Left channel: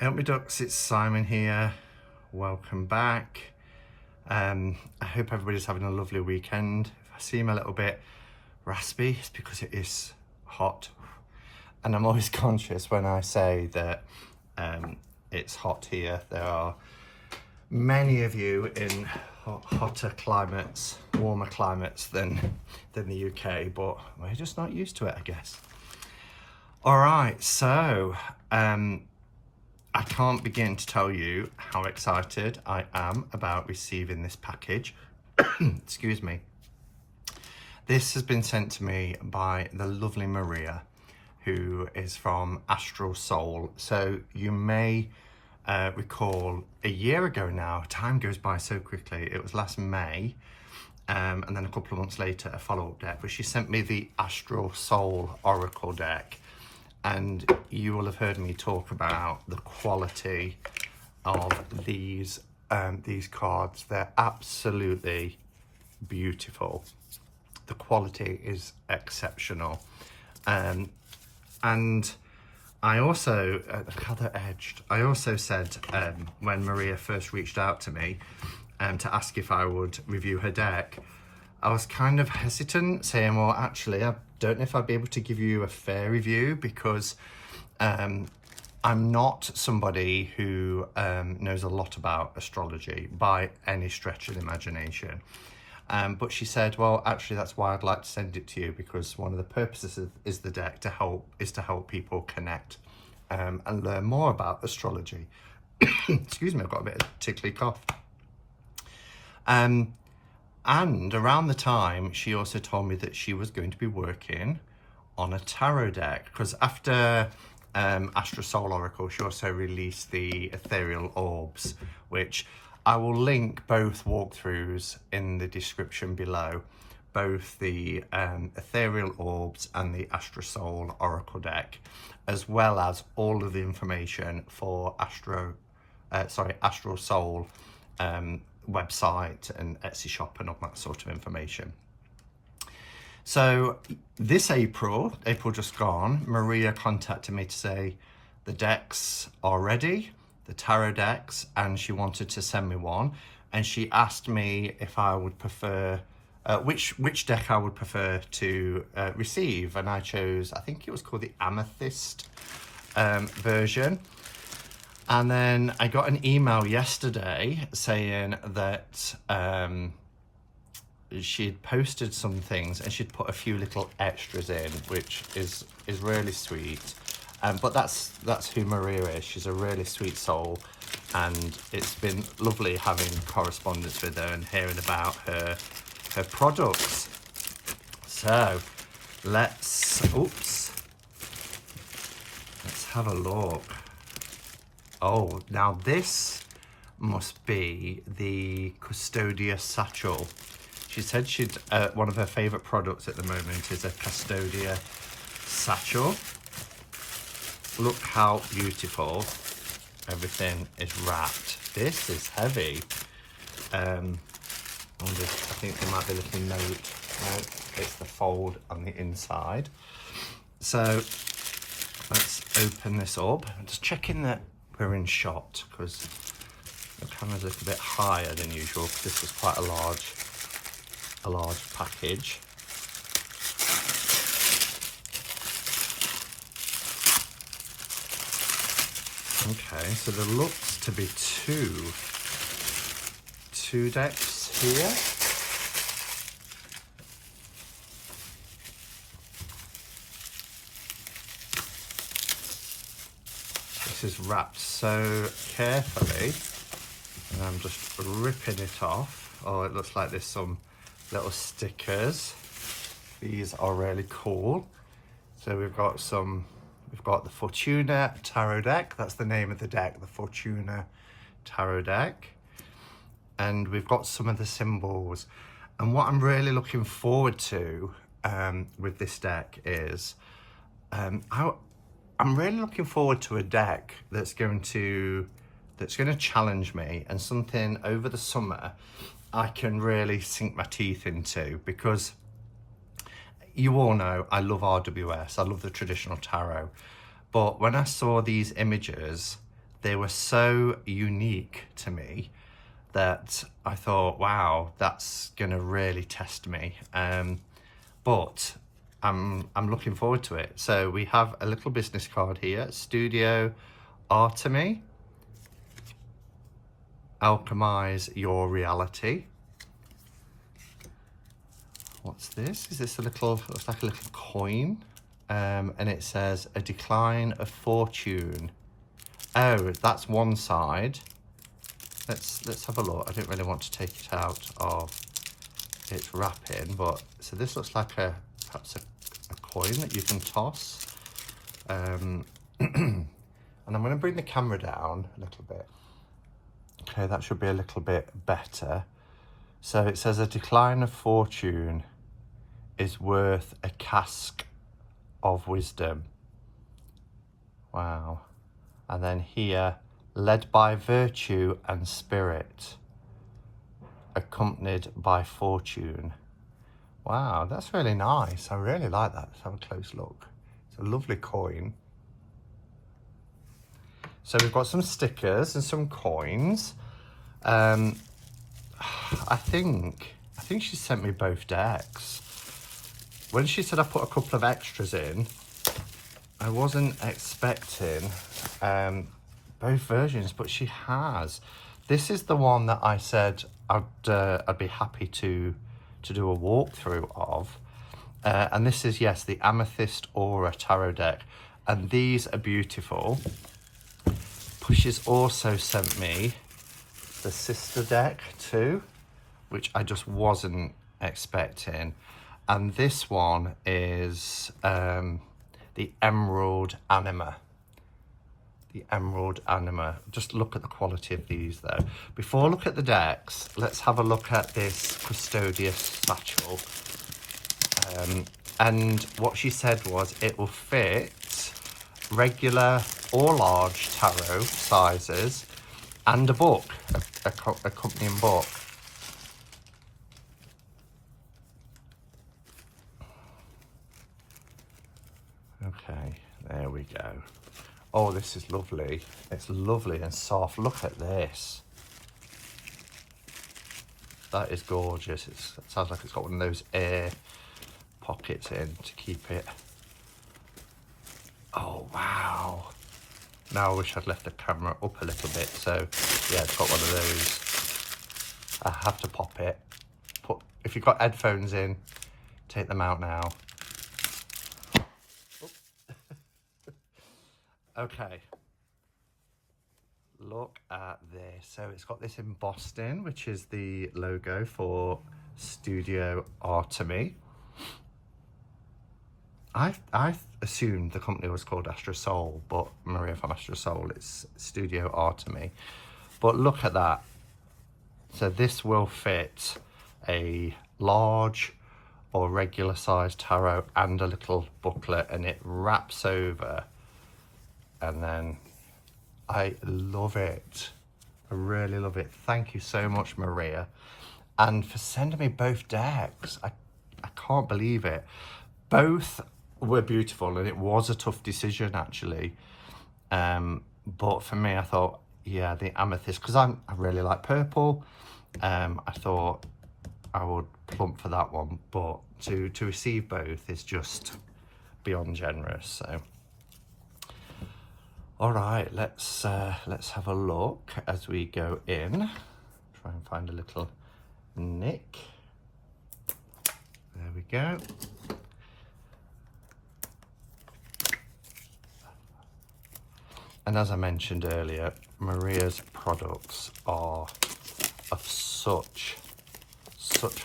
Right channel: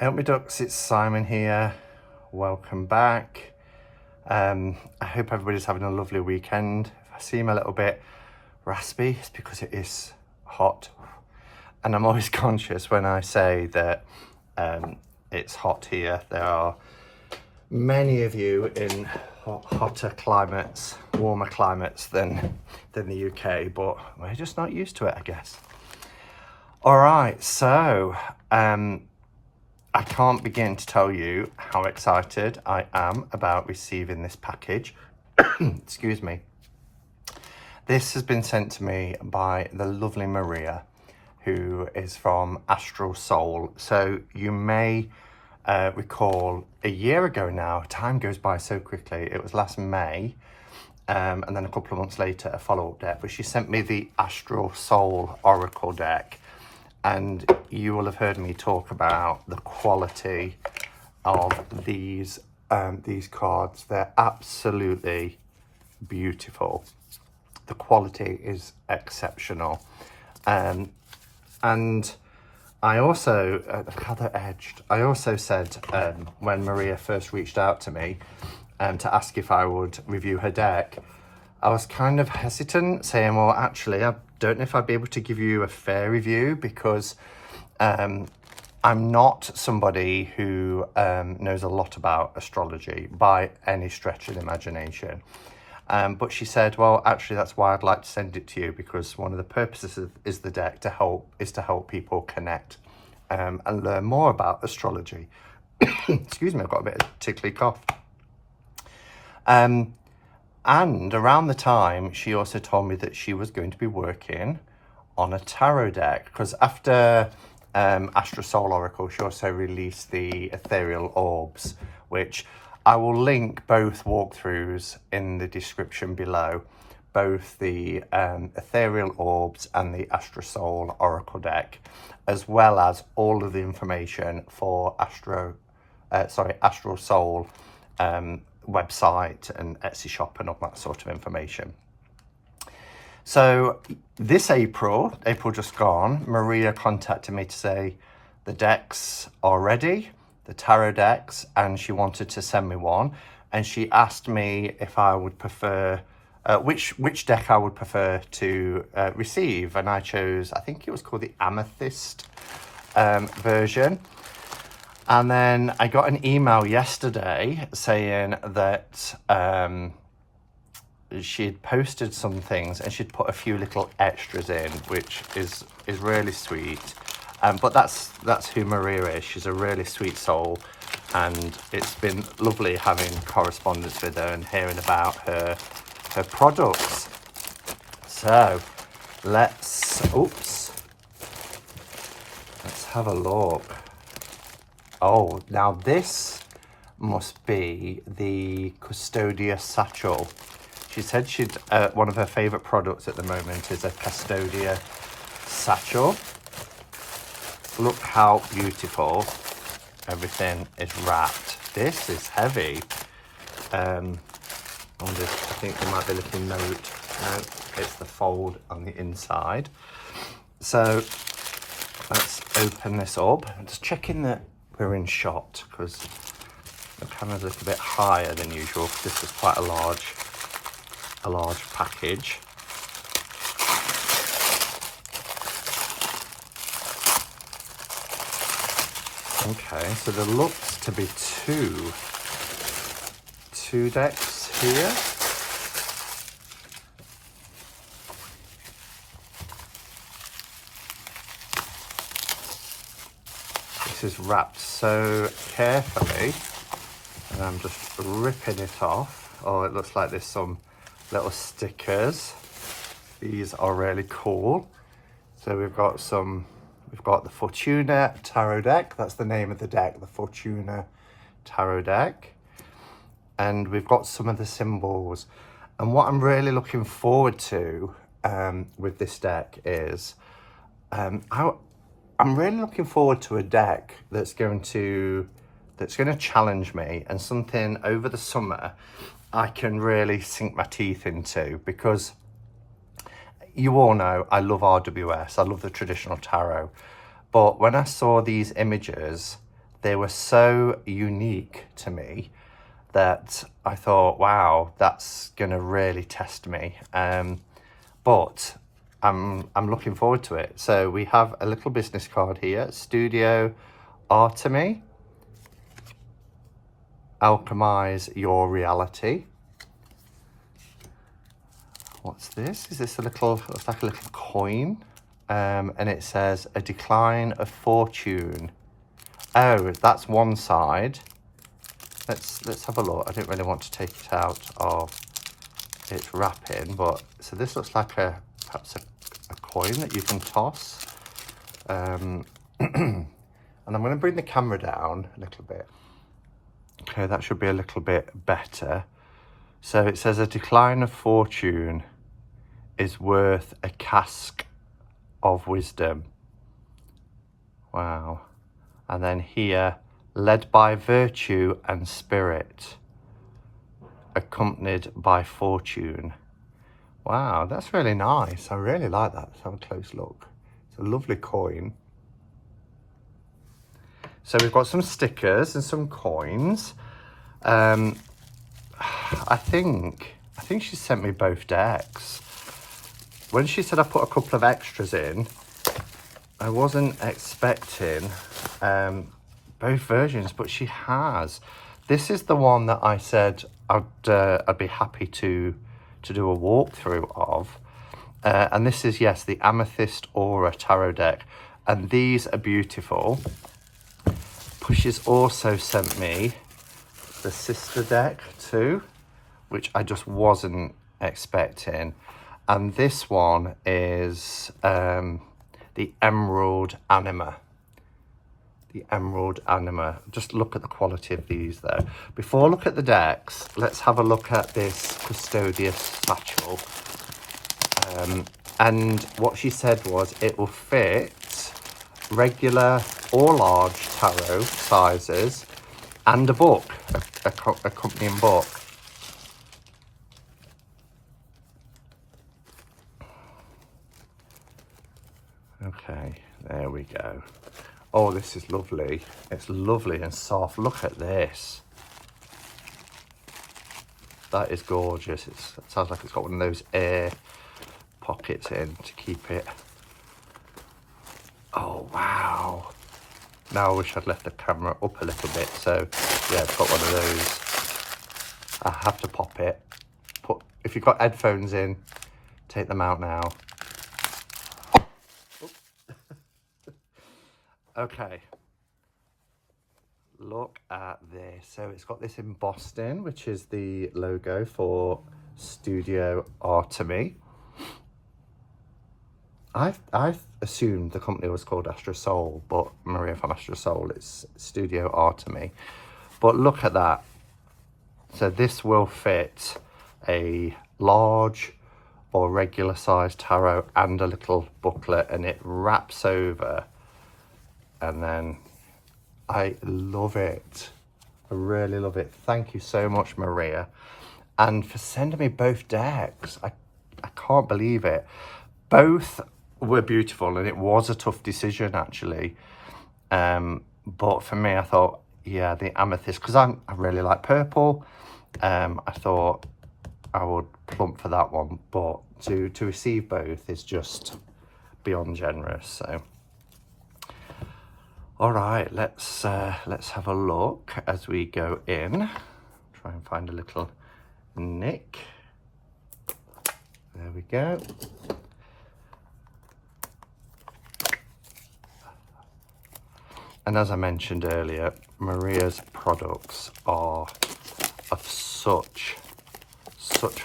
Help me ducks, it's Simon here. Welcome back. I hope everybody's having a lovely weekend. If I seem a little bit raspy, it's because it is hot. And I'm always conscious when I say that it's hot here. There are many of you in hotter climates, warmer climates than the UK, but we're just not used to it, I guess. All right, so I can't begin to tell you how excited I am about receiving this package. Excuse me. This has been sent to me by the lovely Maria, who is from Astral Soul. So you may recall a year ago now, time goes by so quickly, it was last May, and then a couple of months later a follow-up deck, but she sent me the Astral Soul Oracle deck. And you will have heard me talk about the quality of these cards. They're absolutely beautiful. The quality is exceptional. And I also, how they're edged. I also said when Maria first reached out to me to ask if I would review her deck, I was kind of hesitant, saying, well, actually, I don't know if I'd be able to give you a fair review because I'm not somebody who knows a lot about astrology by any stretch of the imagination. But she said, well, actually, that's why I'd like to send it to you, because one of the purposes is the deck to help people connect and learn more about astrology. Excuse me, I've got a bit of a tickly cough. And around the time, she also told me that she was going to be working on a tarot deck, because after Astral Soul Oracle, she also released the Ethereal Orbs, which I will link both walkthroughs in the description below, both the Ethereal Orbs and the Astral Soul Oracle deck, as well as all of the information for Astral Soul website and Etsy shop and all that sort of information. So this April just gone, Maria contacted me to say the decks are ready, the tarot decks, and she wanted to send me one, and she asked me if I would prefer which deck I would prefer to receive, and I chose, I think it was called the Amethyst version. And then I got an email yesterday saying that she'd posted some things and she'd put a few little extras in, which is really sweet. But that's who Maria is. She's a really sweet soul, and it's been lovely having correspondence with her and hearing about her products. So let's have a look. Oh, now this must be the Custodia satchel. She said one of her favourite products at the moment is a Custodia satchel. Look how beautiful everything is wrapped. This is heavy. I think there might be a little note. No, it's the fold on the inside. So let's open this up. I'm just checking that we're in shot, because the camera's a little bit higher than usual. This is quite a large package. Okay, so there looks to be two decks here. This is wrapped so carefully, and I'm just ripping it off. Oh, it looks like there's some little stickers. These are really cool. So we've got the Fortuna tarot deck. That's the name of the deck, the Fortuna tarot deck. And we've got some of the symbols. And what I'm really looking forward to with this deck is I'm really looking forward to a deck that's going to challenge me, and something over the summer I can really sink my teeth into, because you all know I love RWS, I love the traditional tarot, but when I saw these images they were so unique to me that I thought, wow, that's gonna really test me. But I'm looking forward to it. So we have a little business card here, Studio Artemy, Alchemize Your Reality. What's this? Is this a little, looks like a little coin. And it says, a decline of fortune. Oh, that's one side. Let's have a look. I didn't really want to take it out of its wrapping, but so this looks like perhaps a coin that you can toss. And I'm going to bring the camera down a little bit. Okay, that should be a little bit better. So it says a decline of fortune is worth a cask of wisdom. Wow. And then here, led by virtue and spirit, accompanied by fortune. Wow, that's really nice. I really like that. Let's have a close look. It's a lovely coin. So we've got some stickers and some coins. I think she sent me both decks. When she said I put a couple of extras in, I wasn't expecting both versions, but she has. This is the one that I said I'd be happy to do a walkthrough of. And this is, yes, the Amethyst Aura Tarot deck. And these are beautiful. She's also sent me the sister deck too, which I just wasn't expecting. And this one is the Emerald Anima. The Emerald Anima. Just look at the quality of these though. Before I look at the decks, let's have a look at this Custodia satchel. And what she said was it will fit regular or large tarot sizes and a book, accompanying book. Okay, there we go. Oh, this is lovely. It's lovely and soft. Look at this. That is gorgeous. It sounds like it's got one of those air pockets in to keep it. Oh, wow. Now I wish I'd left the camera up a little bit. So, yeah, it's got one of those. I have to pop it. If you've got headphones in, take them out now. Okay. Look at this. So it's got this embossed in, which is the logo for Studio Artemy. I assumed the company was called Astro Soul, but Maria from Astro Soul, it's Studio Artemy. But look at that. So this will fit a large or regular size tarot and a little booklet, and it wraps over. And then I love it. I really love it. Thank you so much, Maria. And for sending me both decks. I can't believe it. Both were beautiful, and it was a tough decision actually. But for me, I thought, yeah, the Amethyst, because I really like purple. I thought I would plump for that one, but to receive both is just beyond generous. So all right, let's have a look as we go in. Try and find a little nick. There we go. And as I mentioned earlier, Maria's products are of such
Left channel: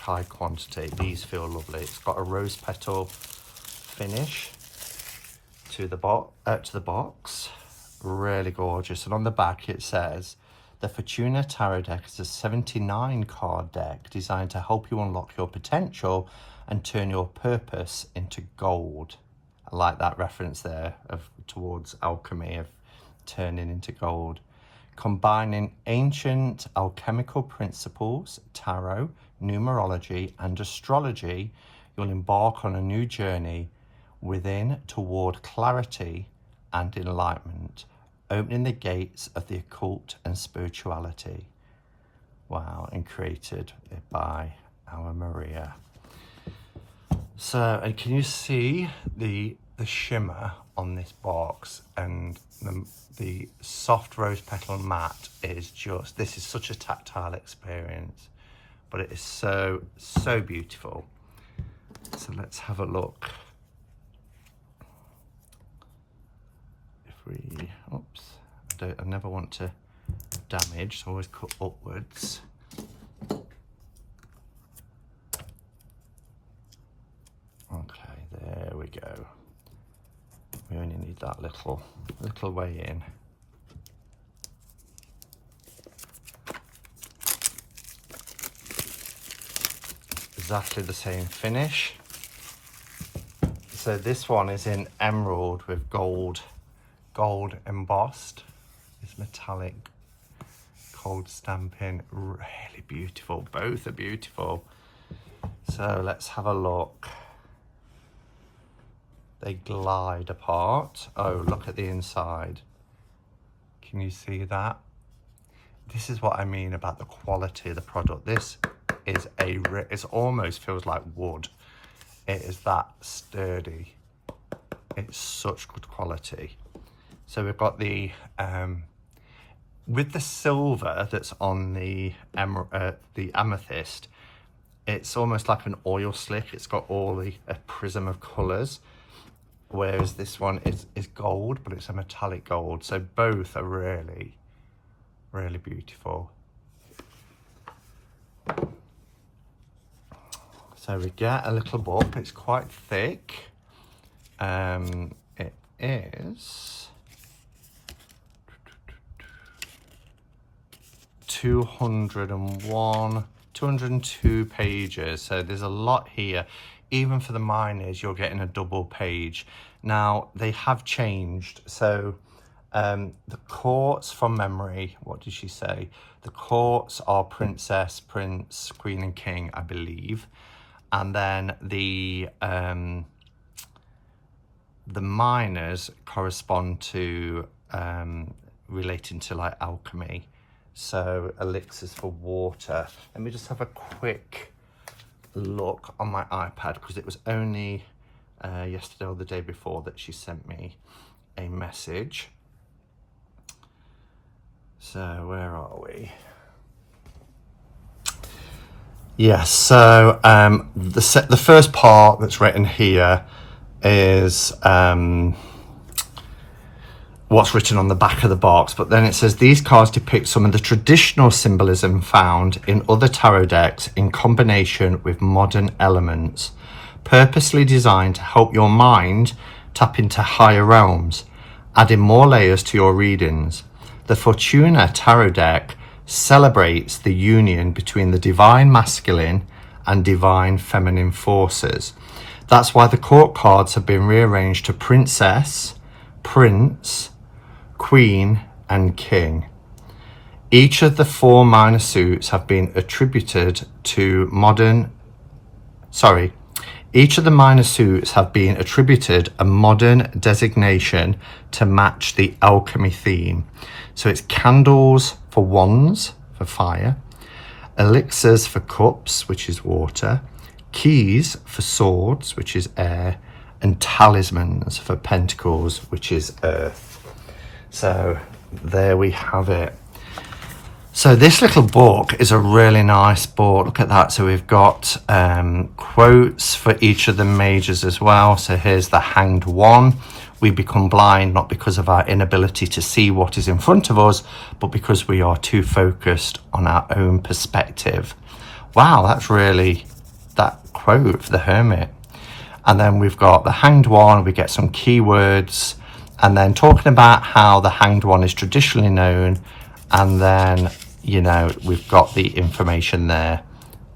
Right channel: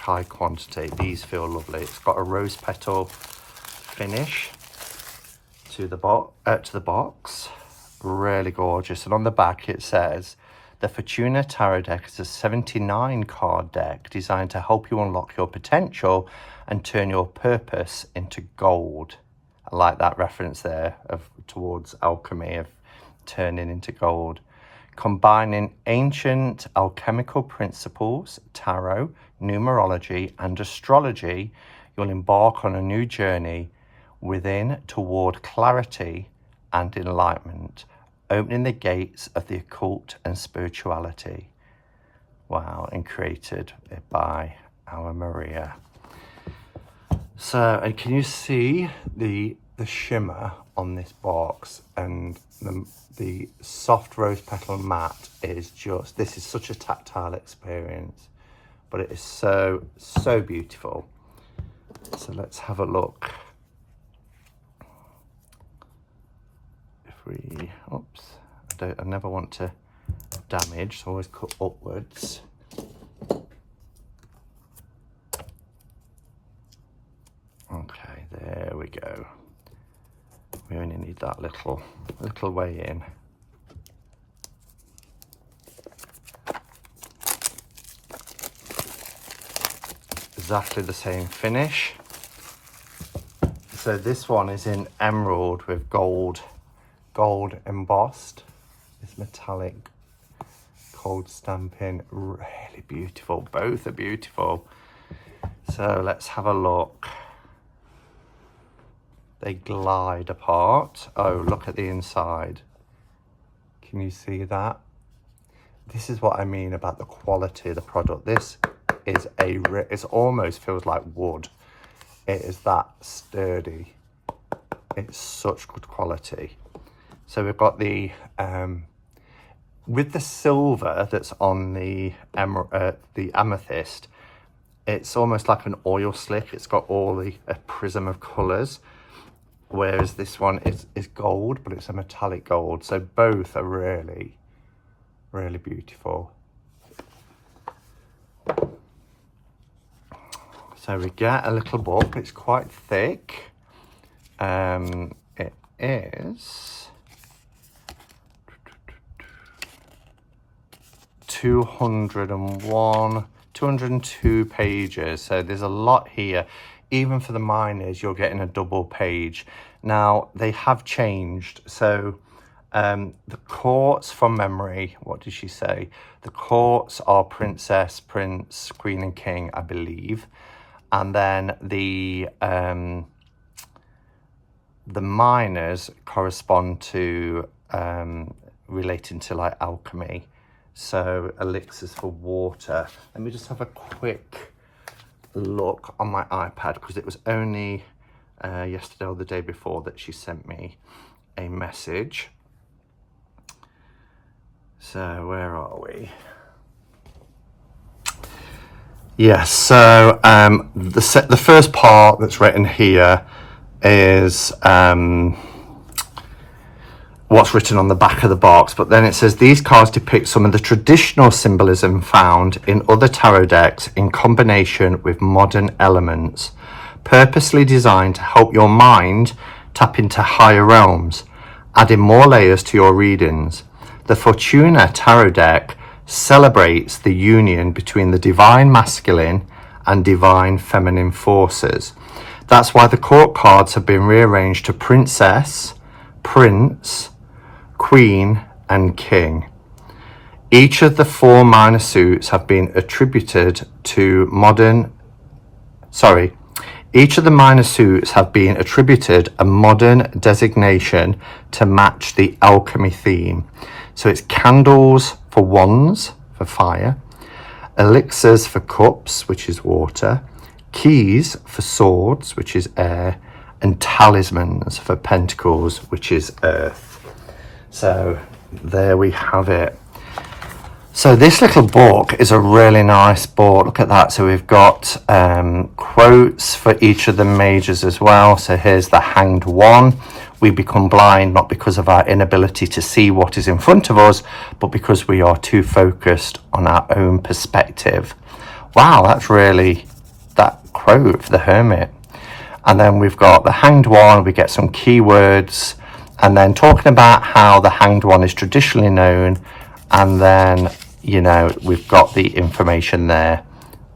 high quantity. These feel lovely. It's got a rose petal finish to the box. Really gorgeous. And on the back it says, the Fortuna Tarot deck is a 79 card deck designed to help you unlock your potential and turn your purpose into gold. I like that reference there towards alchemy, of turning into gold. Combining ancient alchemical principles, tarot, numerology and astrology, you'll embark on a new journey within toward clarity and enlightenment. opening the gates of the occult and spirituality. Wow, and created by our Maria. So, and can you see the shimmer on this box, and the soft rose petal matte is just, this is such a tactile experience, but it is so beautiful. So let's have a look. If we, oops, I never want to damage, so I always cut upwards. Okay, there we go. We only need that little way in. Exactly the same finish. So this one is in emerald with gold embossed. This metallic gold stamping, really beautiful. Both are beautiful. So let's have a look. They glide apart. Oh, look at the inside. Can you see that? This is what I mean about the quality of the product. This is it almost feels like wood. It is that sturdy. It's such good quality. So we've got the with the silver that's on the amethyst, it's almost like an oil slick. It's got all a prism of colours, whereas this one is gold, but it's a metallic gold. So both are really beautiful. So we get a little book. It's quite thick. It is 202 pages. So there's a lot here. Even for the minors, you're getting a double page. Now, they have changed. So the courts, from memory, what did she say? The courts are princess, prince, queen and king, I believe. And then the minors correspond to relating to like alchemy. So elixirs for water. Let me just have a quick look on my iPad, because it was only yesterday or the day before that she sent me a message. So where are we? Yes, so the first part that's written here is what's written on the back of the box, but then it says these cards depict some of the traditional symbolism found in other tarot decks in combination with modern elements, purposely designed to help your mind tap into higher realms, adding more layers to your readings. The Fortuna tarot deck celebrates the union between the divine masculine and divine feminine forces. That's why the court cards have been rearranged to princess, prince, queen and king. Each of the four minor suits have been attributed to each of the minor suits have been attributed a modern designation to match the alchemy theme. So it's candles for wands, for fire, elixirs for cups, which is water, keys for swords, which is air, and talismans for pentacles, which is earth. So there we have it. So this little book is a really nice book. Look at that. So we've got quotes for each of the majors as well. So here's the Hanged One. We become blind not because of our inability to see what is in front of us, but because we are too focused on our own perspective. Wow, that's really that quote for the Hermit. And then we've got the Hanged One. We get some keywords, and then talking about how the Hanged One is traditionally known. And then, you know, we've got the information there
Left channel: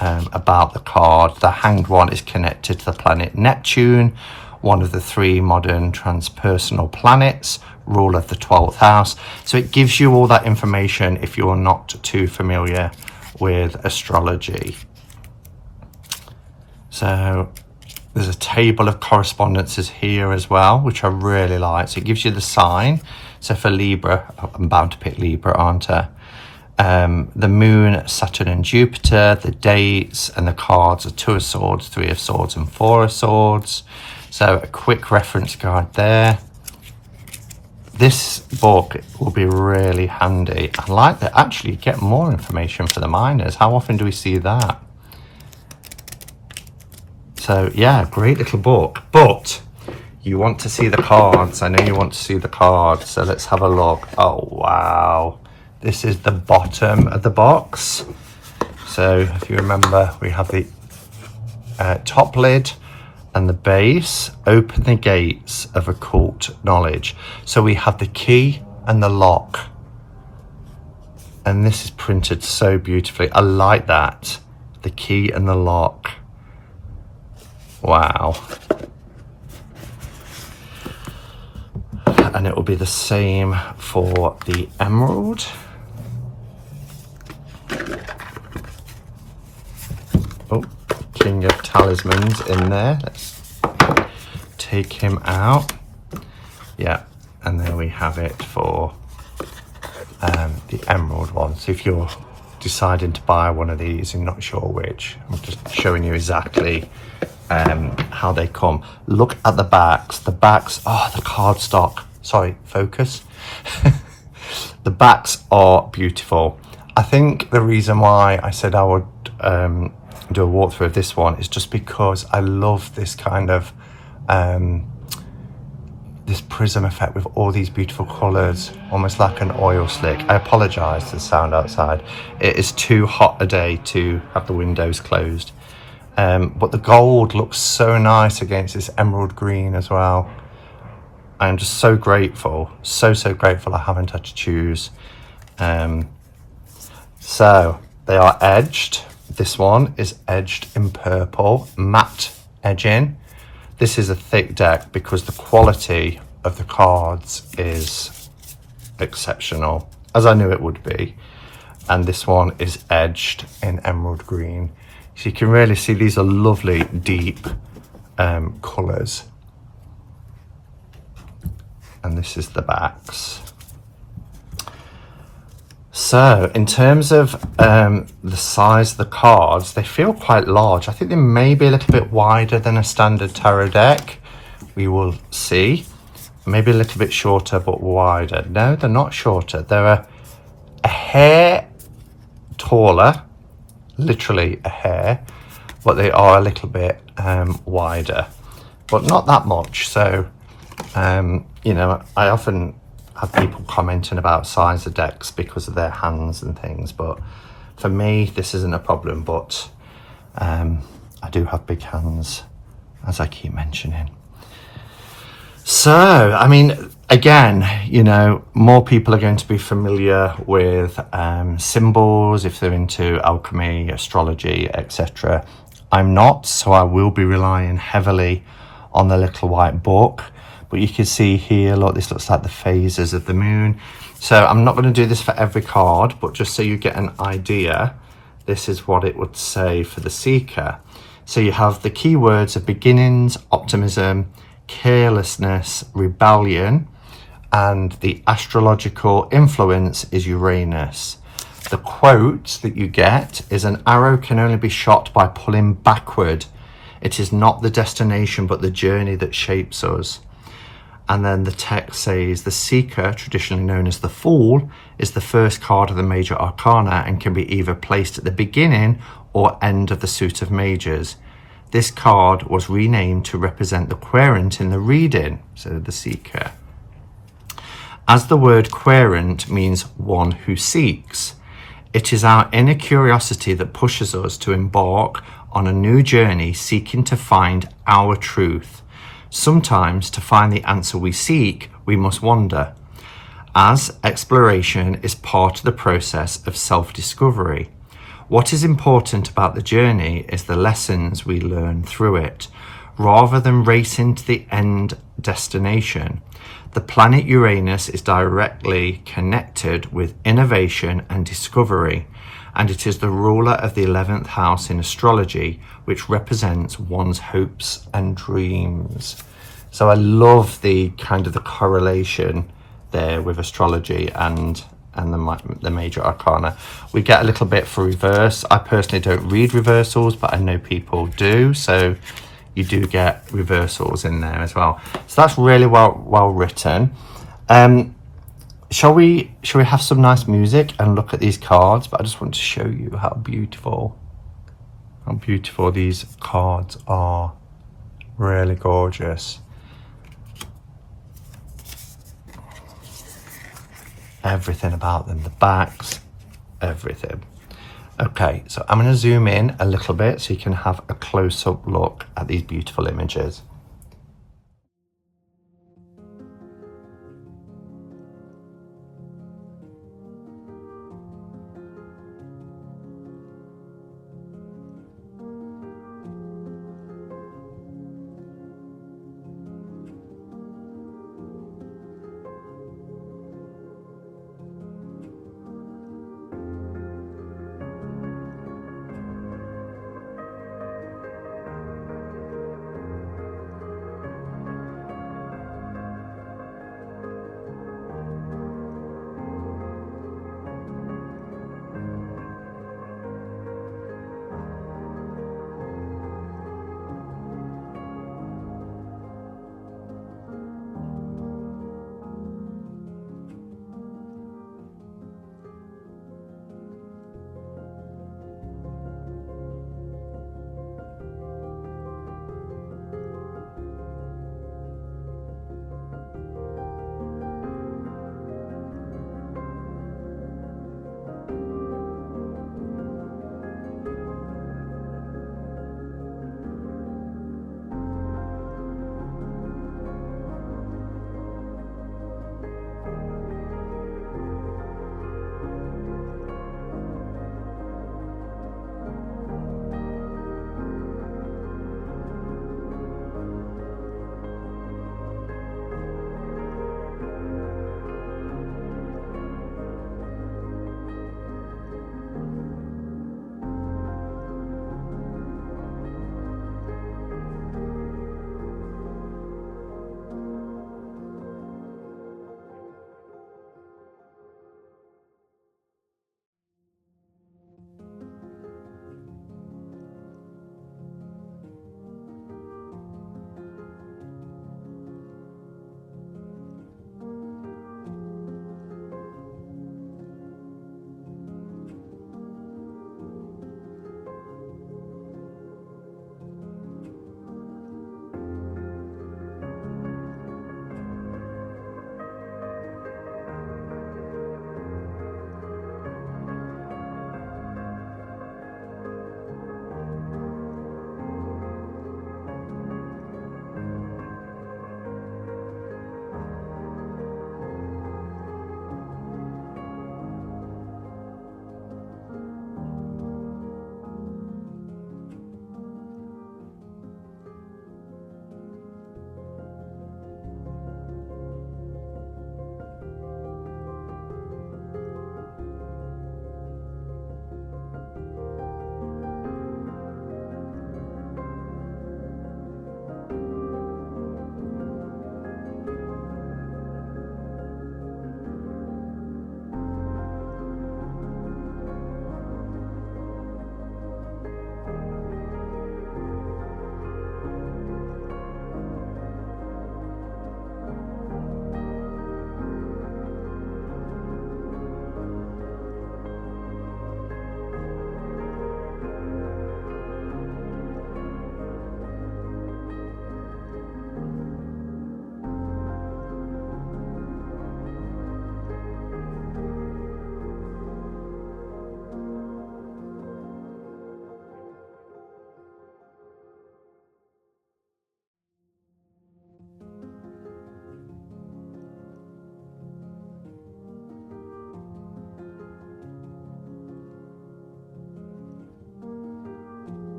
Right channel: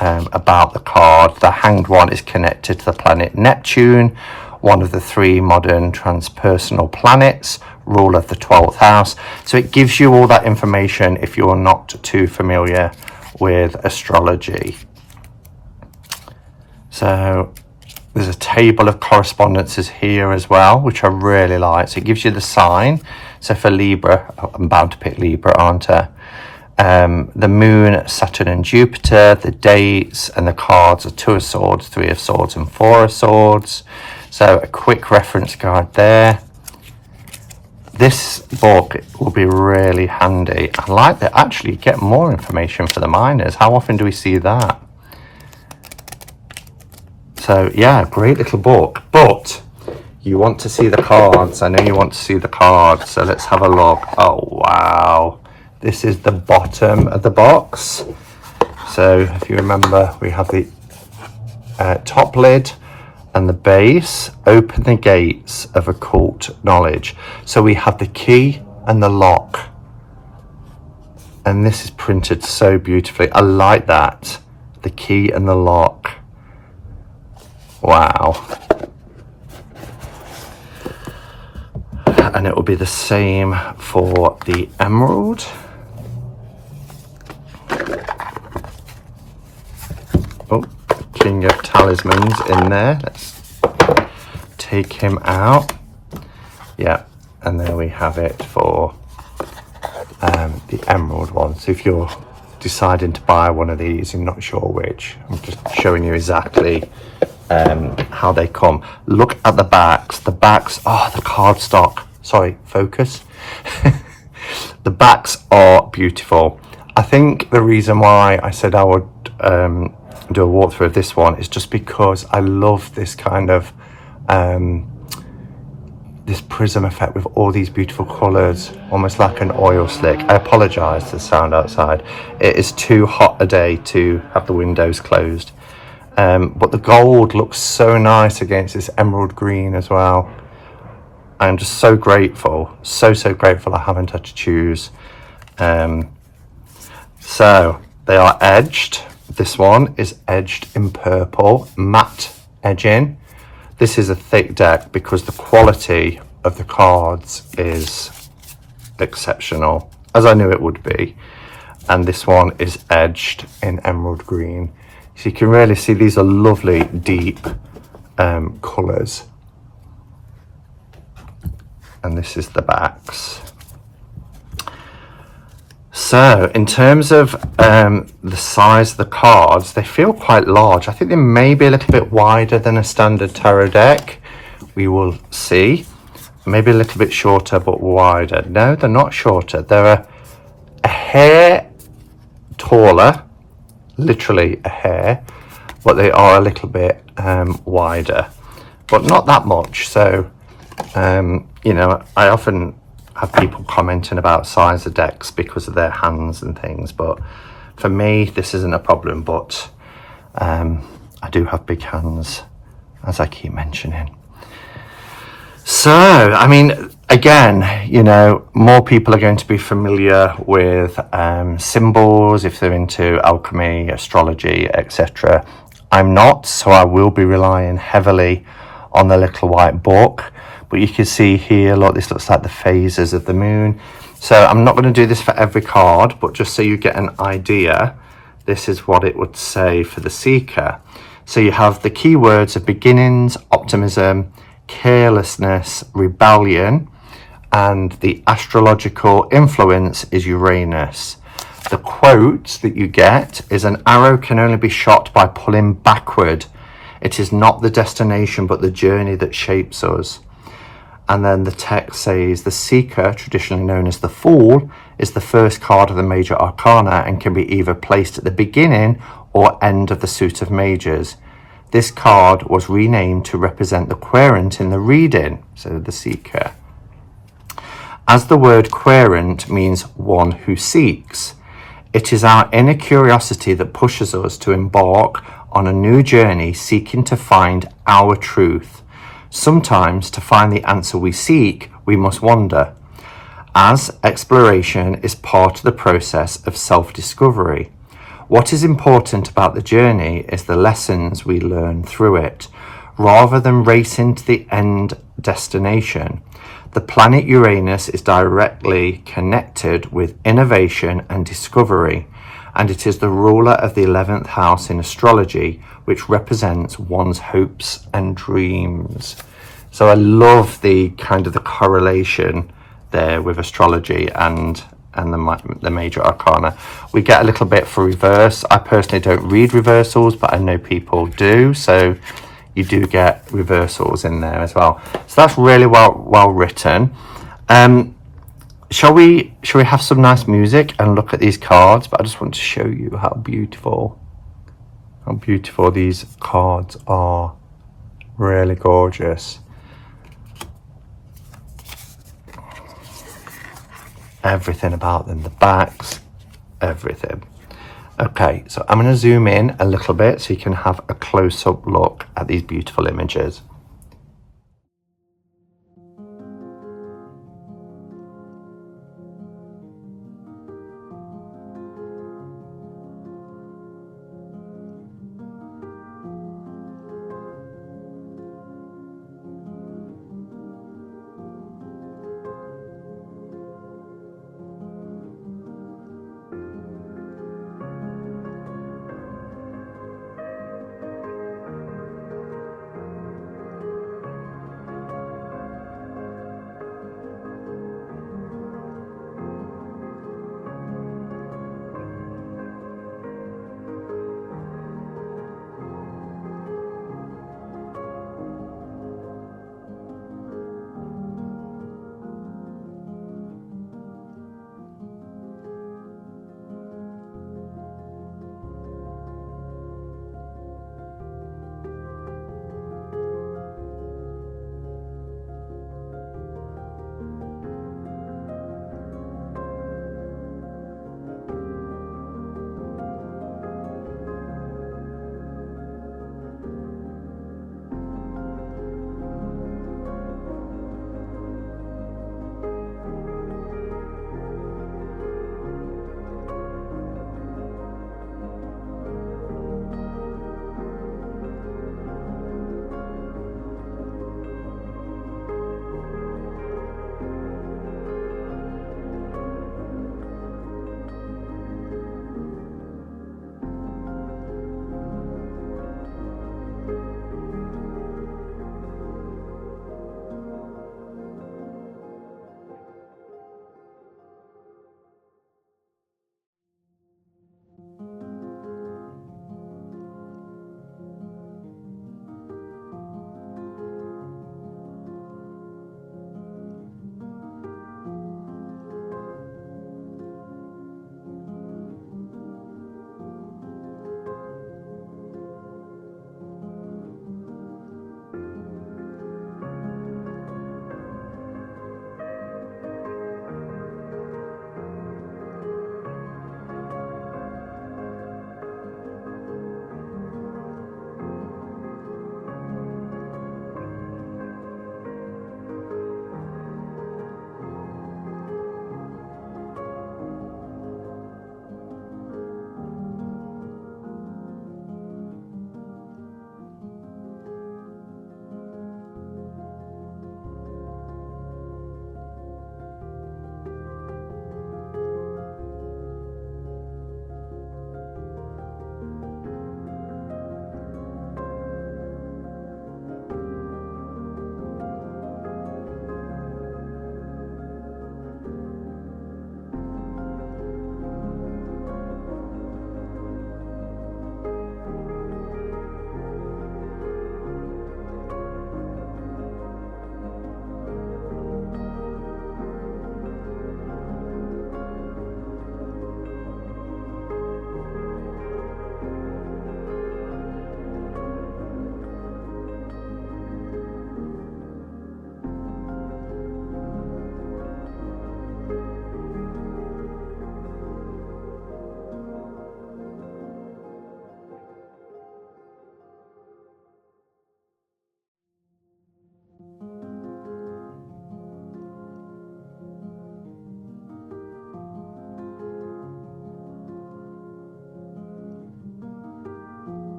about the card. The Hanged One is connected to the planet Neptune, one of the three modern transpersonal planets, ruler of the 12th house. So it gives you all that information if you're not too familiar with astrology. So there's a table of correspondences here as well, which I really like. So it gives you the sign. So for Libra, I'm bound to pick Libra, aren't I? The Moon, Saturn and Jupiter, the dates and the cards are 2 of Swords, 3 of Swords and 4 of Swords. So a quick reference guide there. This book will be really handy. I like that actually get more information for the minors. How often do we see that? So yeah, great little book, but you want to see the cards. I know you want to see the cards, so let's have a look. Oh wow, this is the bottom of the box. So if you remember, we have the top lid and the base. Open the gates of occult knowledge. So we have the key and the lock, and this is printed so beautifully. I like that, the key and the lock. Wow. And it will be the same for the emerald. Oh, King of Talismans in there. Let's take him out. Yeah, and there we have it for the emerald one. So if you're deciding to buy one of these, you're not sure which, I'm just showing you exactly how they come. Look at the backs. The backs, oh, the cardstock. Sorry, focus. The backs are beautiful. I think the reason why I said I would do a walkthrough of this one is just because I love this kind of this prism effect with all these beautiful colors, almost like an oil slick. I apologize for the sound outside. It is too hot a day to have the windows closed. But the gold looks so nice against this emerald green as well. I'm just so grateful, so grateful I haven't had to choose. So they are edged. This one is edged in purple, matte edging. This is a thick deck because the quality of the cards is exceptional, as I knew it would be. And this one is edged in emerald green. So you can really see these are lovely, deep colours. And this is the backs. So in terms of the size of the cards, they feel quite large. I think they may be a little bit wider than a standard tarot deck. We will see. Maybe a little bit shorter but wider. No, they're not shorter. They're a hair taller, literally a hair, but they are a little bit wider, but not that much. So you know, I often have people commenting about size of decks because of their hands and things, but for me this isn't a problem. But I do have big hands, as I keep mentioning. So I mean, again, you know, more people are going to be familiar with symbols if they're into alchemy, astrology, etc. I'm not, so I will be relying heavily on the little white book. But you can see here, look, this looks like the phases of the moon. So I'm not going to do this for every card, but just so you get an idea, this is what it would say for the seeker. So you have the keywords of beginnings, optimism, carelessness, rebellion, and the astrological influence is Uranus. The quote that you get is, an arrow can only be shot by pulling backward. It is not the destination but the journey that shapes us. And then the text says, the seeker, traditionally known as the fool, is the first card of the major arcana and can be either placed at the beginning or end of the suit of majors. This card was renamed to represent the querent in the reading, so the seeker. As the word querent means one who seeks, it is our inner curiosity that pushes us to embark on a new journey seeking to find our truth. Sometimes to find the answer we seek, we must wander, as exploration is part of the process of self-discovery. What is important about the journey is the lessons we learn through it, rather than racing to the end destination. The planet Uranus is directly connected with innovation and discovery, and it is the ruler of the 11th house in astrology, which represents one's hopes and dreams. So I love the kind of the correlation there with astrology and the major arcana. We get a little bit for reverse. I personally don't read reversals, but I know people do, so you do get reversals in there as well. So that's really well written. Shall we have some nice music and look at these cards? But I just want to show you how beautiful these cards are. Really gorgeous. Everything about them, the backs, everything. Okay, so I'm going to zoom in a little bit so you can have a close-up look at these beautiful images.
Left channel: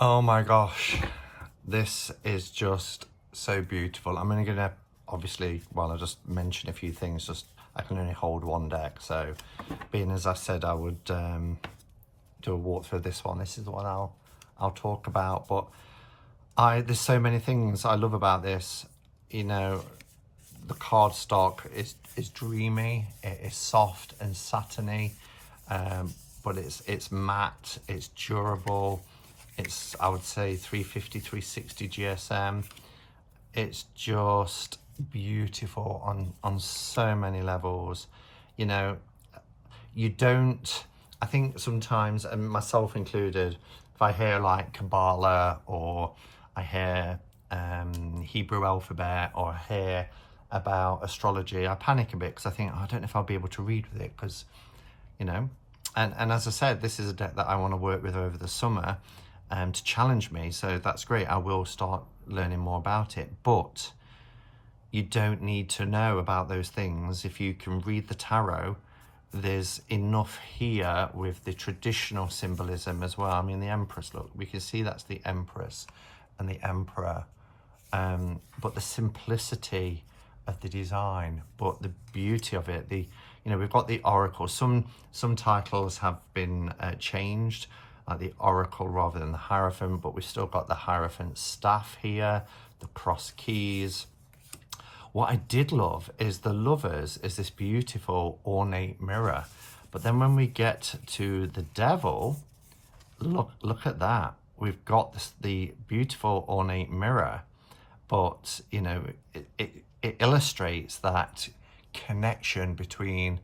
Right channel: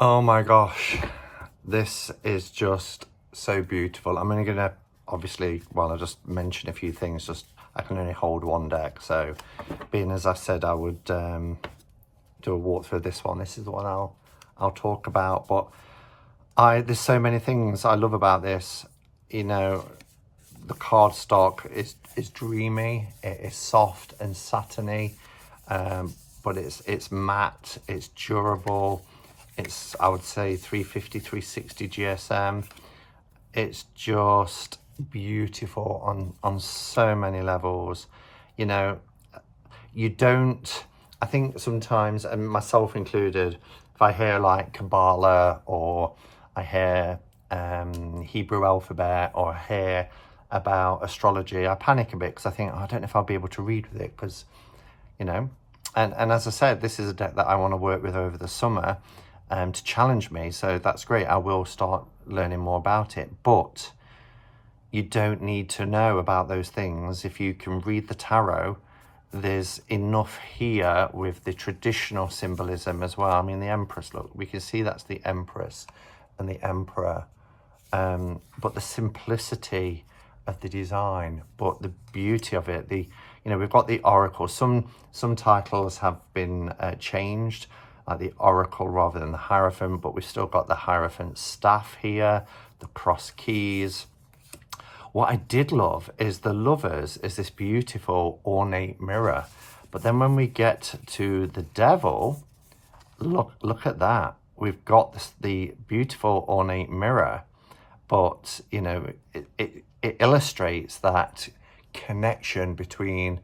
Oh my gosh, this is just so beautiful. I'm only gonna, obviously, well, I'll just mention a few things. Just I can only hold one deck, so being as I said I would do a walkthrough of this one, this is the one I'll talk about. But there's so many things I love about this. You know, the cardstock is dreamy, it is soft and satiny, but it's matte, it's durable. It's, I would say, 350, 360 GSM. It's just beautiful on so many levels. You know, you don't, I think sometimes, and myself included, if I hear like Kabbalah or I hear Hebrew alphabet or I hear about astrology, I panic a bit because I think, oh, I don't know if I'll be able to read with it, because, you know, and as I said, this is a deck that I want to work with over the summer to challenge me, so that's great. I will start learning more about it, but you don't need to know about those things. If you can read the tarot, there's enough here with the traditional symbolism as well. I mean, the Empress, look, we can see that's the Empress and the Emperor, but the simplicity of the design, but the beauty of it, you know, we've got the Oracle. Some titles have been changed, like the Oracle rather than the Hierophant, but we've still got the Hierophant staff here, the cross keys. What I did love is the Lovers is this beautiful ornate mirror, but then when we get to the Devil, look at that. We've got the beautiful ornate mirror, but you know, it illustrates that connection between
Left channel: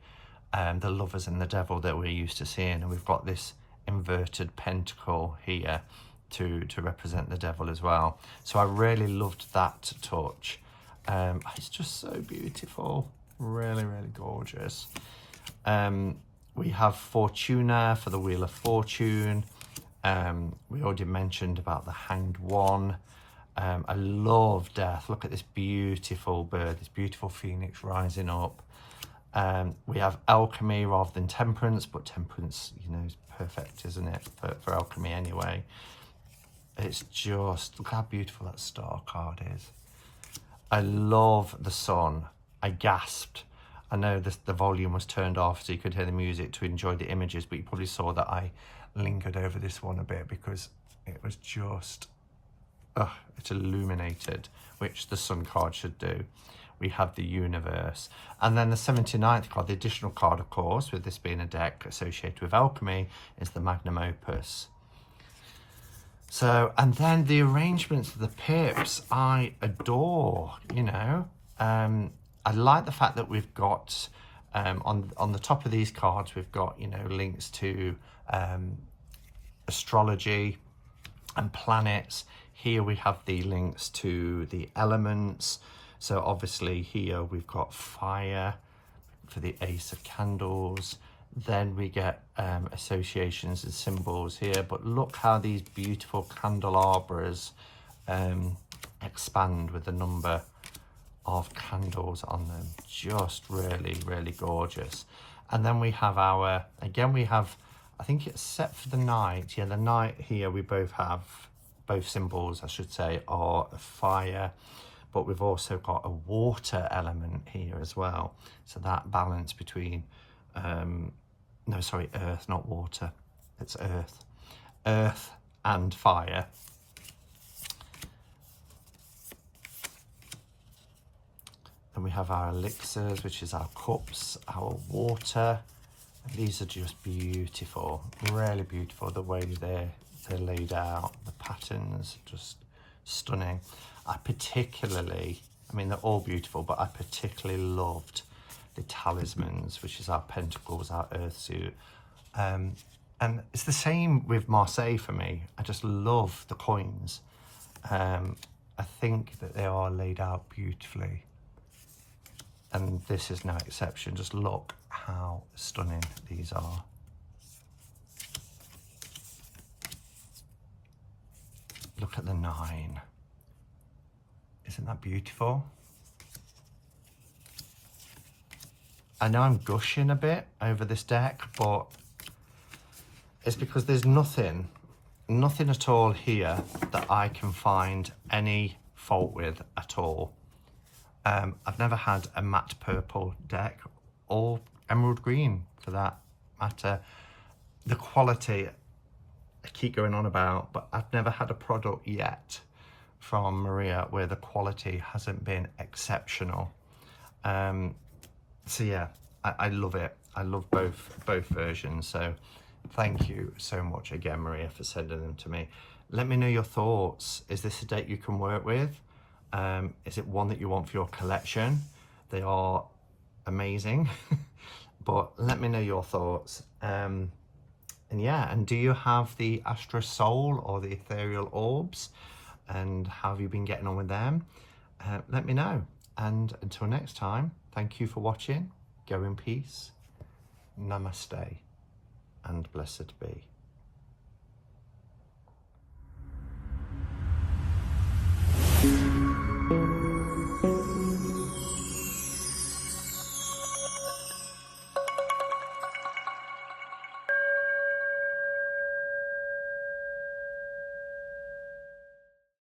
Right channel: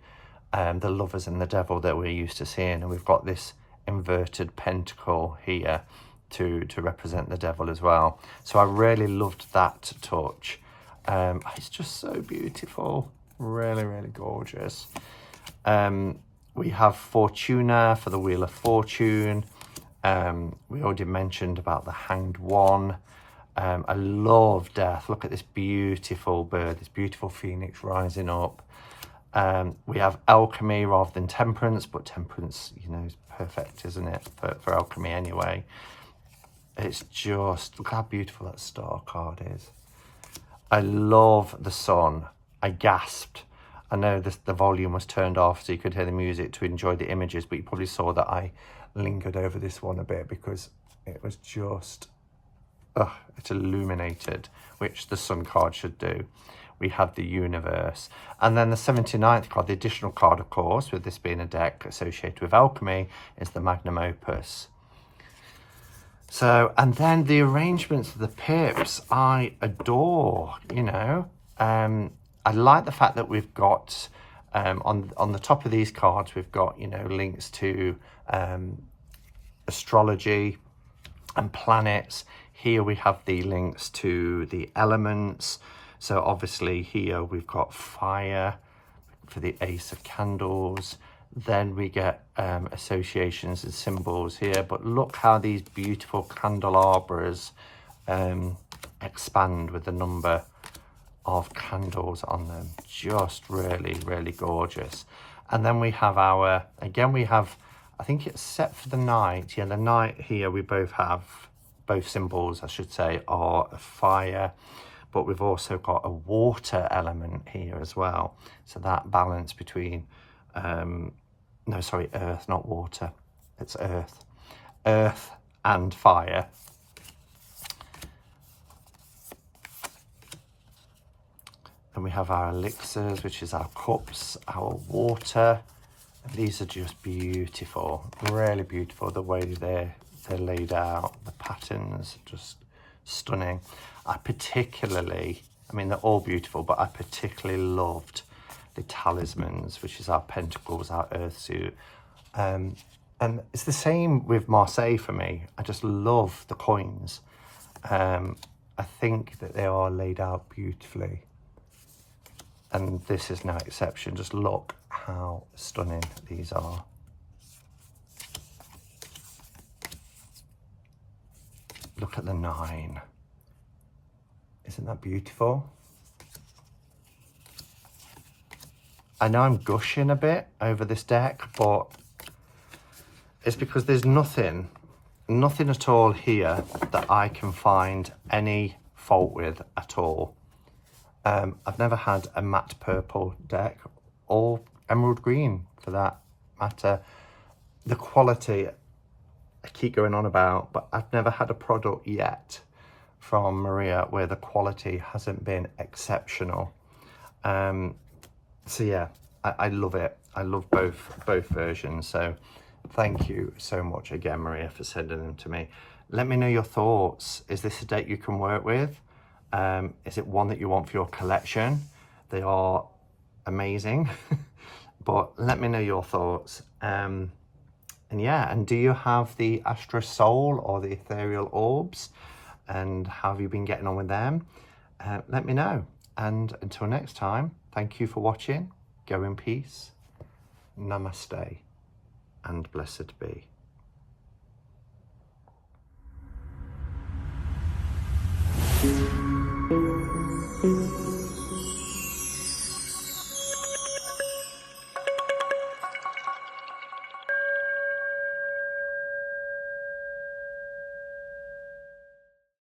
the Lovers and the Devil that we're used to seeing, and we've got this inverted pentacle here to represent the Devil as well. So I really loved that touch. It's just so beautiful, really gorgeous. We have Fortuna for the Wheel of Fortune. We already mentioned about the Hanged One. I love Death. Look at this beautiful bird, this beautiful phoenix rising up. We have Alchemy rather than Temperance, but Temperance, you know, is perfect, isn't it, for Alchemy anyway. It's just, look how beautiful that star card is. I love the Sun. I gasped. I know the volume was turned off so you could hear the music to enjoy the images, but you probably saw that I lingered over this one a bit because it was just, it's illuminated, which the Sun card should do. We have the Universe, and then the 79th card, the additional card, of course, with this being a deck associated with alchemy, is the Magnum Opus. So, and then the arrangements of the pips, I adore. You know, I like the fact that we've got on the top of these cards, we've got, you know, links to astrology and planets. Here we have the links to the elements. So obviously here we've got fire for the Ace of Candles. Then we get associations and symbols here, but look how these beautiful candelabras expand with the number of candles on them. Just really gorgeous. And then we have our, again, we have, I think it's set for the night. Yeah, the night here we both have, both symbols I should say, are a fire, but we've also got a water element here as well. So that balance between, no, sorry, earth, not water. It's earth. Earth and fire. Then we have our elixirs, which is our cups, our water. These are just beautiful, really beautiful. The way they're laid out, the patterns, just stunning. I particularly, I mean, they're all beautiful, but I particularly loved the talismans, which is our pentacles, our earth suit. And it's the same with Marseille for me. I just love the coins. I think that they are laid out beautifully. And this is no exception. Just look how stunning these are. Look at the 9. Isn't that beautiful? I know I'm gushing a bit over this deck, but it's because there's nothing nothing at all here that I can find any fault with at all. I've never had a matte purple deck or emerald green for that matter. The quality I keep going on about, but I've never had a product yet from Maria where the quality hasn't been exceptional. So yeah, I love it. I love both versions. So thank you so much again, Maria, for sending them to me. Let me know your thoughts. Is this a deck you can work with? Is it one that you want for your collection? They are amazing, but let me know your thoughts. And yeah, and do you have the Astra Soul or the Ethereal Orbs? And how have you been getting on with them? Let me know. And until next time, thank you for watching. Go in peace. Namaste and blessed be.